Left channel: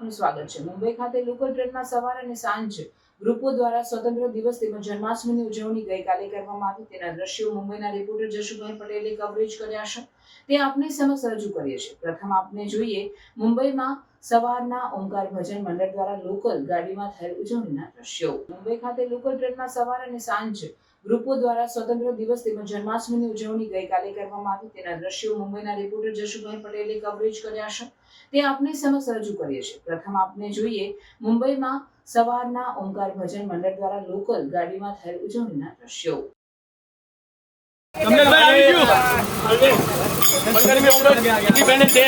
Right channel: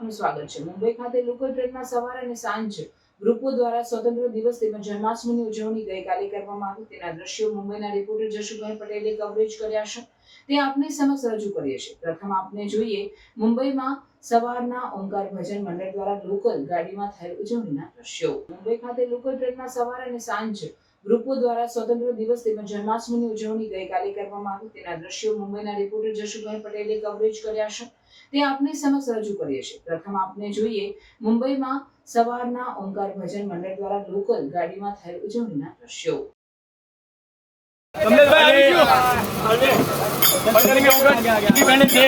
આપનું સ્વાગત છે। મુંબઈ ખાતે લોકલ ટ્રેનમાં સવાર અને સાંજ ગ્રુપો દ્વારા સ્વતંત્ર દિવસ તેમજ જન્માષ્ટમીની ઉજવણી ગઈકાલે કરવામાં આવી। તેના દ્રશ્યો મુંબઈના રિપોર્ટર જશુભાઈ પટેલે કવરેજ કર્યા છે, તે આપની સમક્ષ રજૂ કરીએ છીએ। પ્રથમ આપને જોઈએ મુંબઈમાં સવારના ઓમકાર ભજન મંડળ દ્વારા લોકલ ગાડીમાં થયેલ ઉજવણીના દ્રશ્યો। મુંબઈ ખાતે લોકલ ટ્રેનમાં સવાર અને સાંજ ગ્રુપો દ્વારા સ્વતંત્ર દિવસ તેમજ જન્માષ્ટમીની ઉજવણી ગઈકાલે કરવામાં આવી। તેના દ્રશ્યો મુંબઈના રિપોર્ટર જશુભાઈ પટેલે કવરેજ કર્યા છે, તે આપની સમક્ષ રજૂ કરીએ છીએ। પ્રથમ આપને જોઈએ મુંબઈમાં સવારના ઓમકાર ભજન મંડળ દ્વારા લોકલ ગાડીમાં થયેલ ઉજવણીના દ્રશ્યો। ઇન્ડિપેન્ડન્સ ડે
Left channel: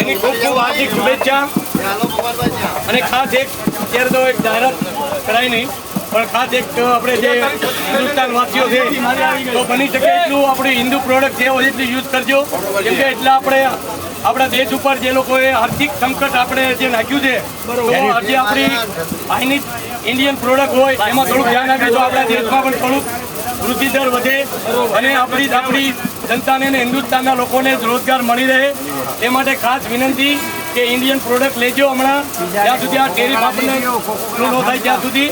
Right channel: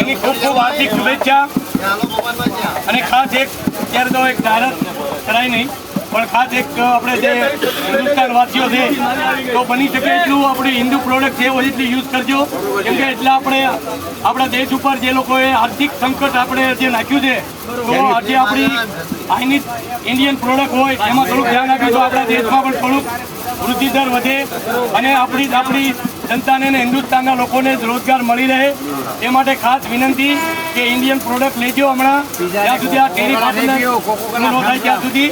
એની ખૂબ ખૂબ હાર્દિક શુભેચ્છા। અને ખાસ એક અત્યારે તો એક જાહેરાત કરાય નહીં, પણ ખાસ એક આપણે જે હિન્દુસ્તાન વાસીઓ છે તો બની શકે એટલું આપણી હિન્દુ પ્રોડક્ટ છે એટલું યુઝ કરજો, કેમ કે એટલે આપણે આપણા દેશ ઉપર જે લોકોએ આર્થિક સંકટ આપણે જે નાખ્યું છે તો આજે આપણી ચાઇનીઝ ઇન્ડિયન પ્રોડક્ટ હોય એમાં થોડુંક ધ્યાન આપીએ તો આપણા દેશમાં પણ થોડુંક વૃદ્ધિ દર વધે અને આપણી જનતાને અને હિન્દુસ્તાનના લોકોને રોજગાર મળી રહે। એ માટે ખાસ વિનંતી કે ઇન્ડિયન પ્રોડક્ટ લેજો હમણાં, જ્યાં સુધી આ ટેરિફ આપણને ન થાય ત્યાં સુધી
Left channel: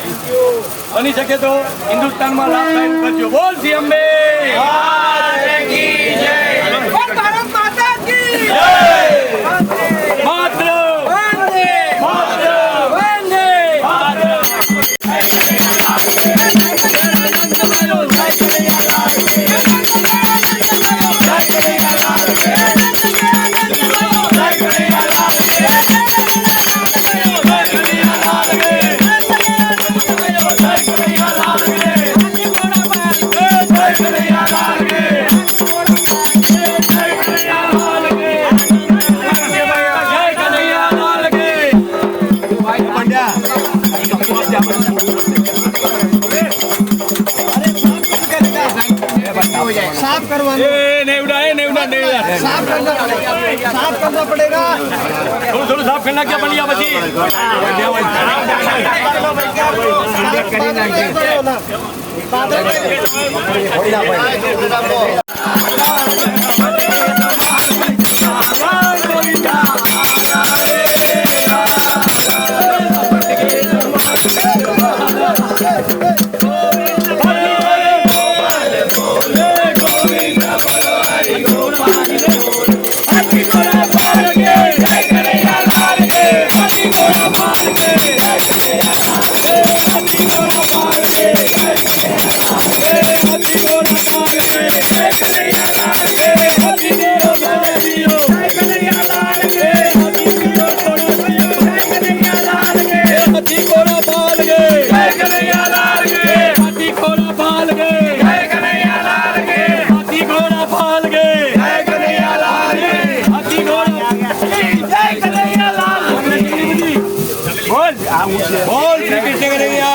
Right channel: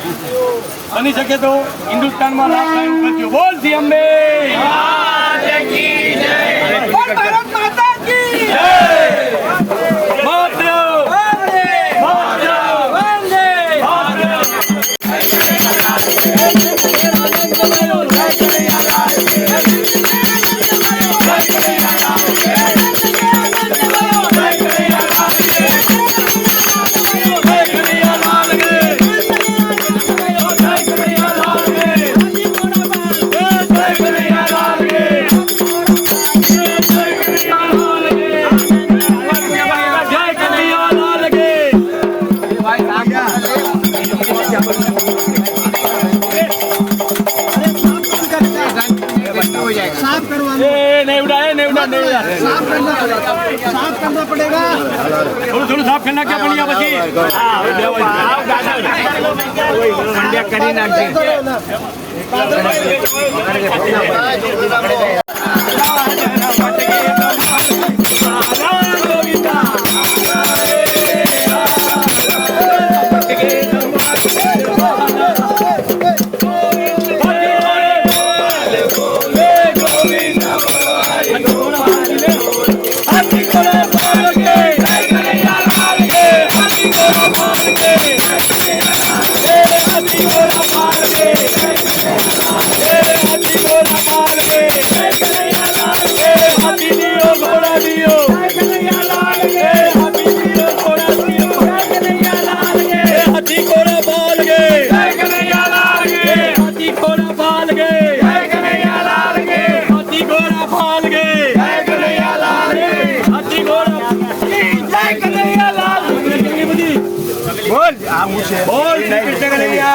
બની શકે તો હિન્દુસ્તાનમાં લાભ થાય એવું કરજો। બોલ શ્રી અંબે साफ करना पड़ेगा, थोड़ा साफ करना क्या बनिया बची बोल श्री कृष्ण कन्हैया।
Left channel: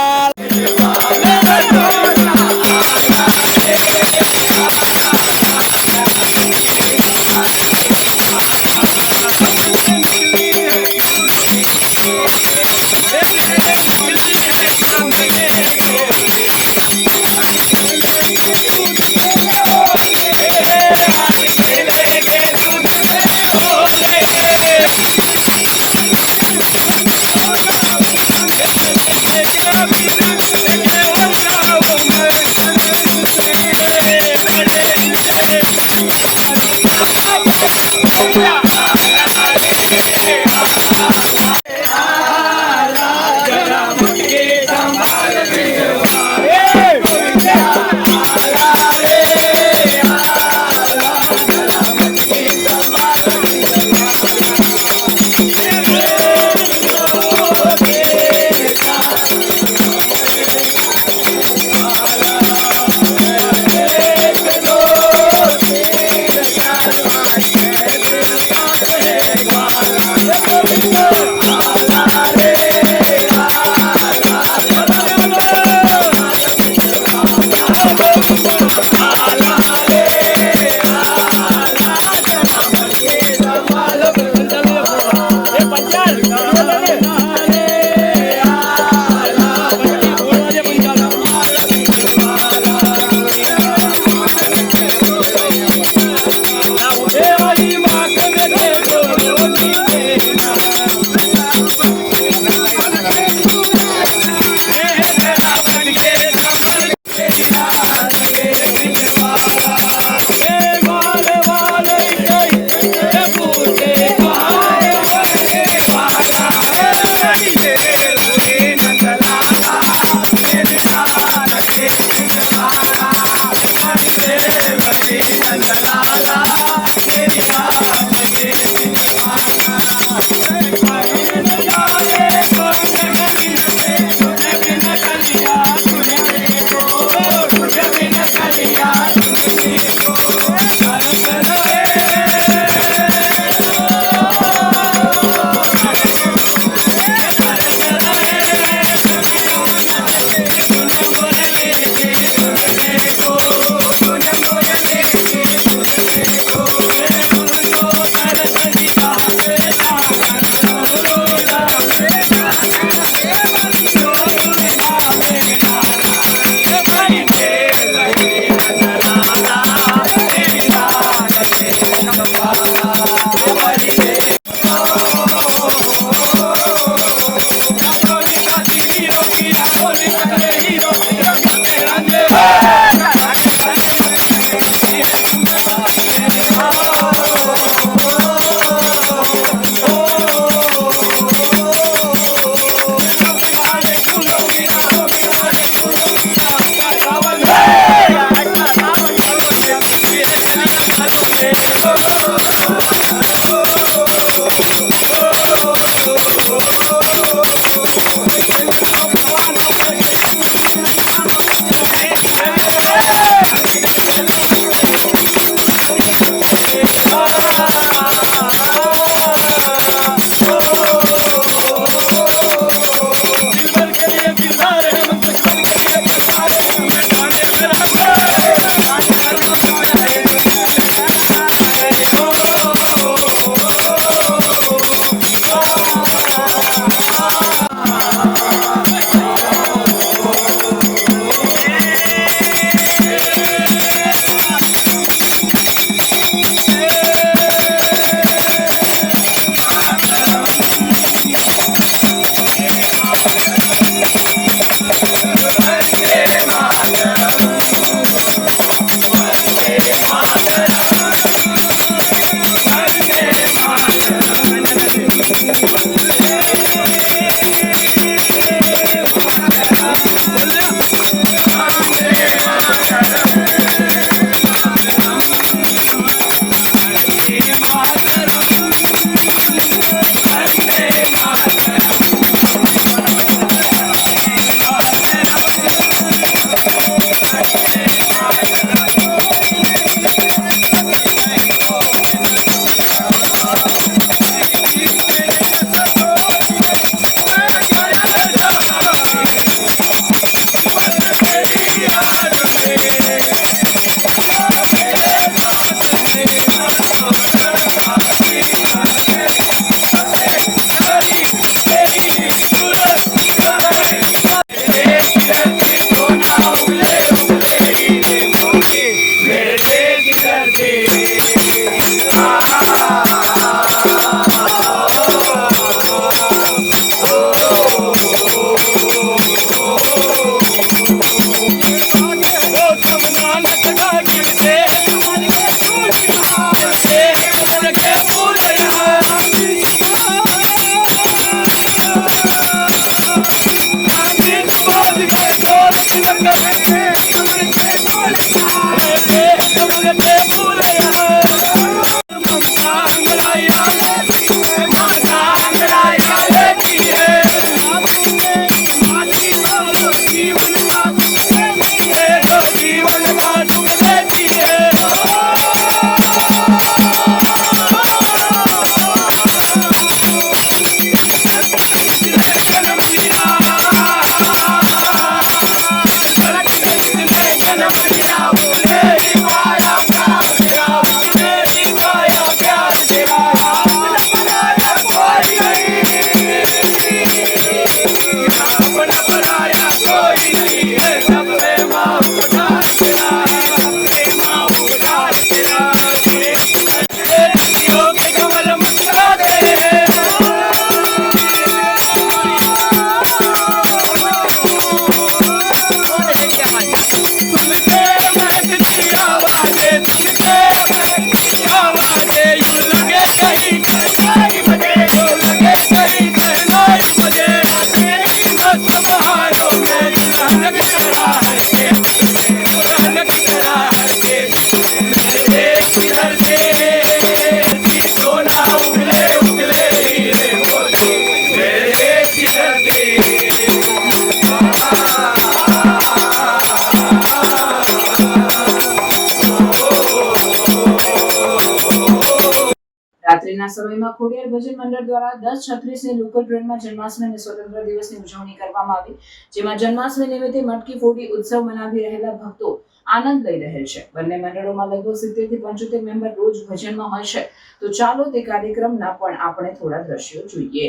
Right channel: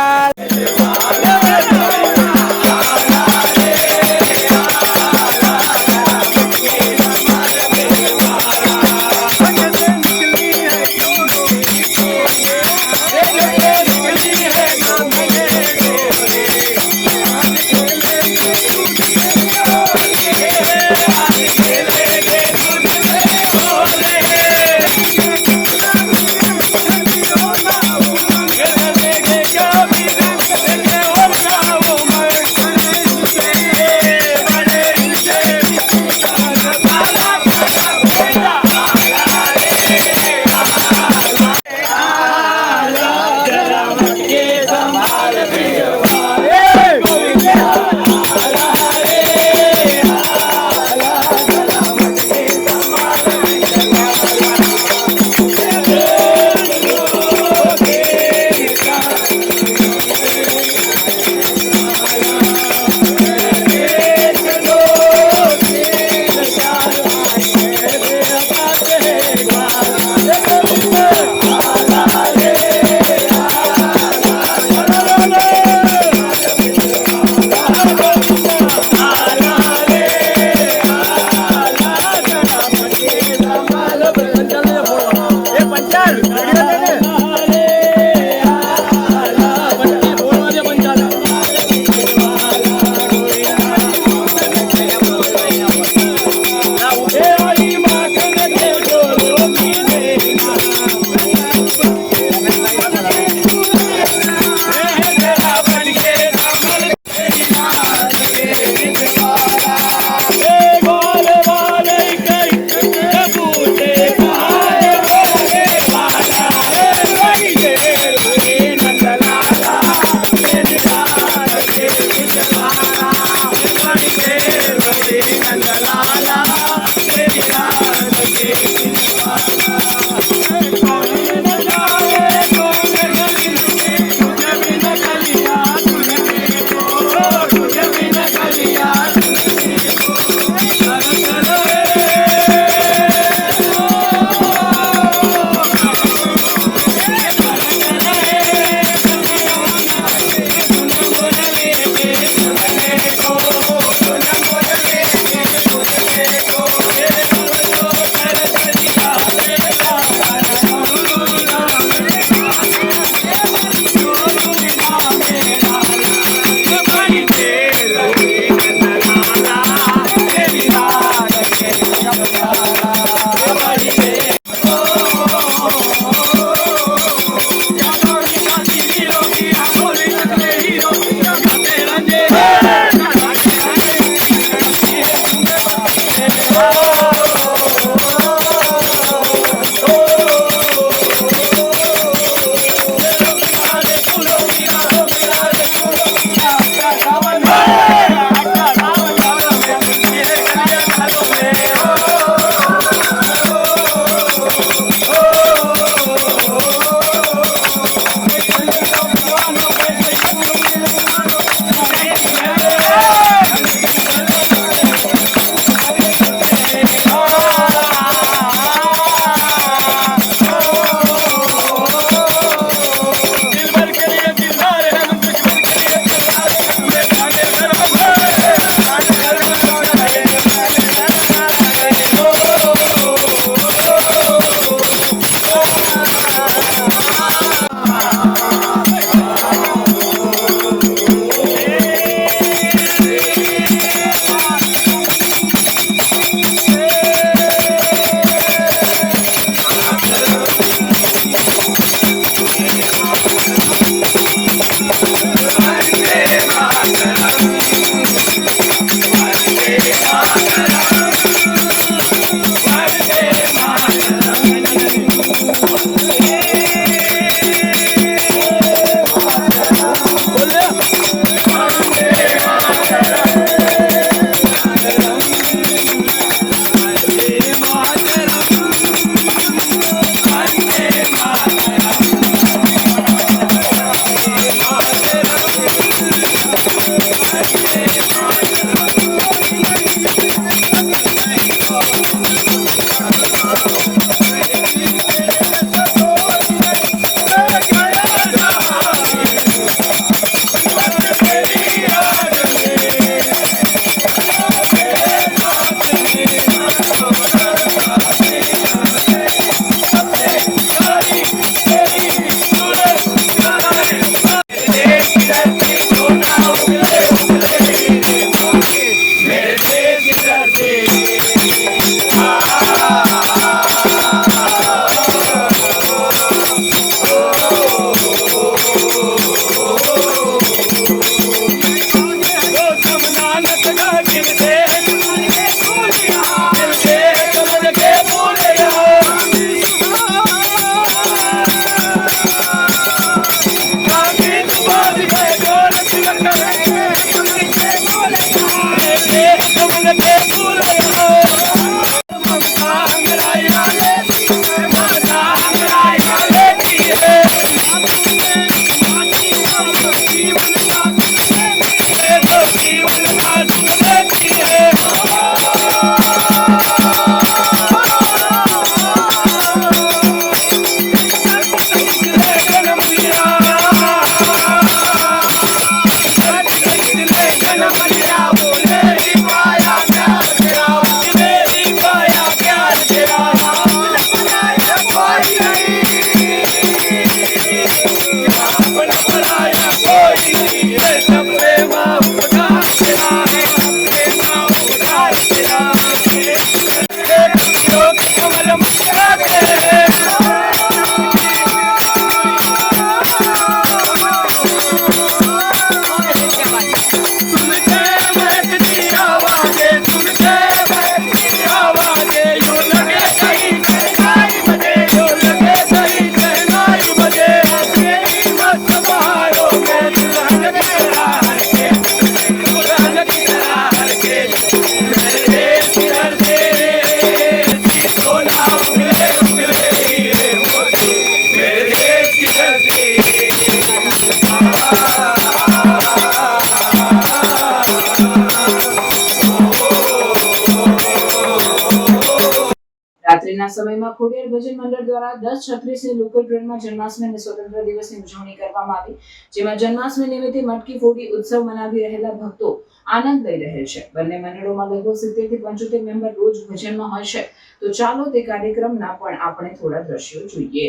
રાત્રિના સમયમાં ખોડિયાર ભજન મંડળ દ્વારા 10:36 ની લોકલ ટ્રેનમાં જન્માષ્ટમી અને સ્વતંત્ર દિવસની ઉજવણી કરવામાં આવી, જેમાં જન્માષ્ટમી નિમિત્તે મટકી ફોડી ઉત્સવ મનાવી રહેલા ભક્તો આનંદ લઈ રહેલ છે. બંને મંડળોમાં લગભગ 70 થી 75 મેમ્બર રોજ ભજનમાં હોય છે. તો ચાલો તે કાર્યક્રમના પણ આપણે થોડા દ્રશ્યો જોઈએ.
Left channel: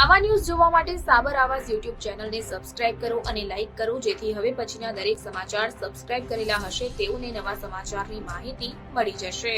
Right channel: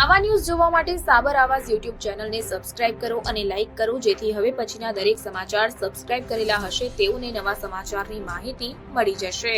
આવા ન્યૂઝ જોવા માટે સાબર આવાઝ યુટ્યુબ ચેનલને સબસ્ક્રાઇબ કરો અને લાઇક કરો, જેથી હવે પછીના દરેક સમાચાર સબસ્ક્રાઇબ કરેલા હશે તેઓને નવા સમાચારની માહિતી મળી જશે.